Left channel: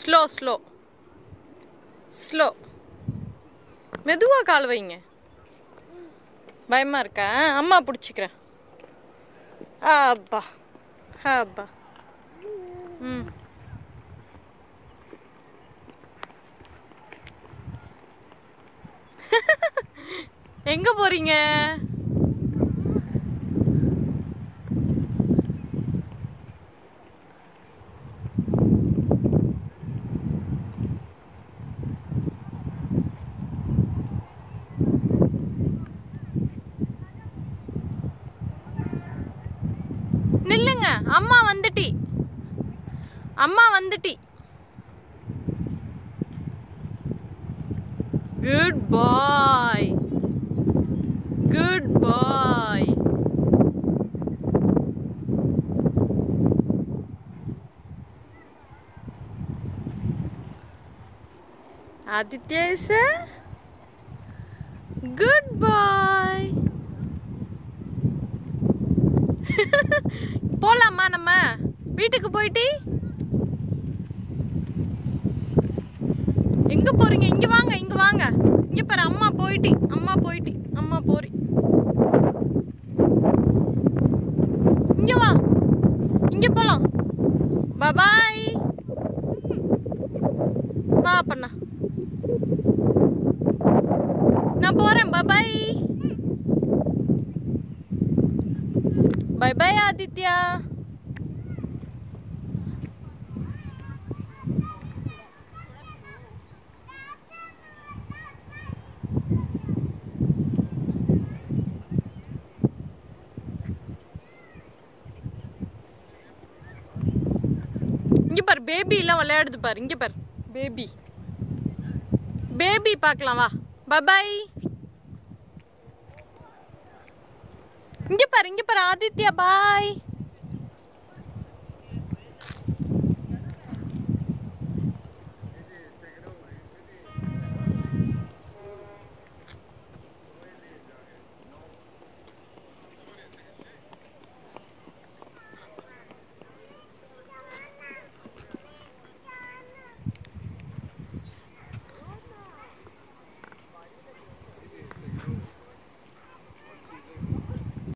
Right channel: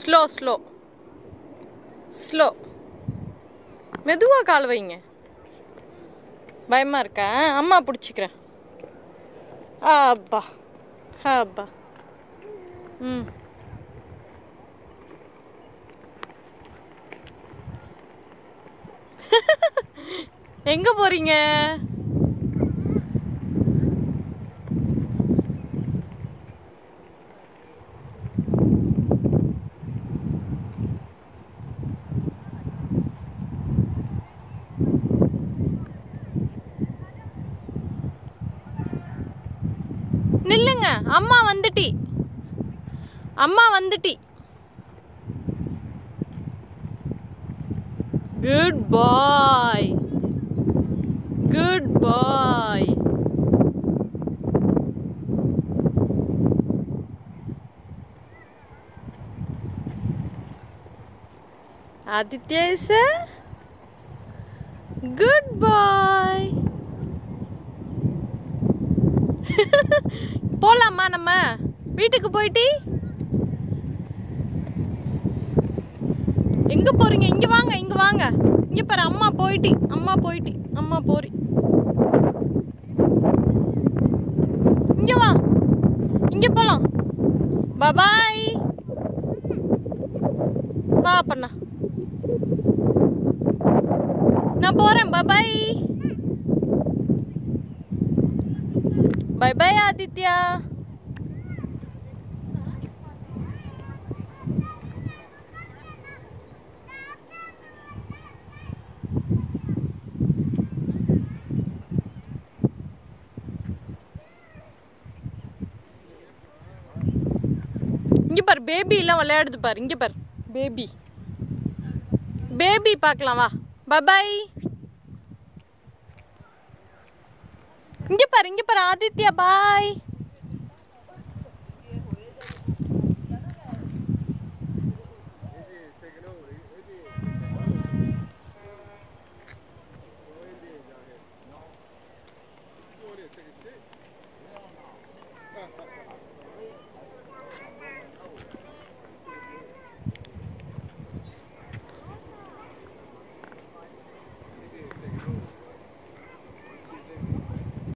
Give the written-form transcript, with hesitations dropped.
Slow slow slow. மெதுவாக கால் வைங்க. பயமா இருக்கா? அம்மா பிடிச்சிக்கிறேன். அப்பா அப்பா. ம். எங்க போறீங்க? நில்லுங்க. அம்மா வந்துட்டி. அம்மா வந்துட்டி. Good bye. Good bye. Aditya is a good boy. போலாமா நம்ம வீட்டுக்கு? போயிட்டு எங்க போறீங்க? இங்க வாங்க, இங்க வாங்க. இங்க பாரு, அம்மா போயிட்டு, அம்மா போயிட்டு, அம்மா போறி. இங்க வா, இங்க போலாம். பாய். வா பண்ணா, நான் போறேன். பாய். பாய் பாய் ஆதித்யா. இங்க பாரு, பேபி எல்லாம் விளையாடுது பாரு. இங்க பாரு, பேபி பேபி பார்க்கலாம். வா. பாய். இங்க பாரு, இங்க பாரு ஆதித்யா. பாய்.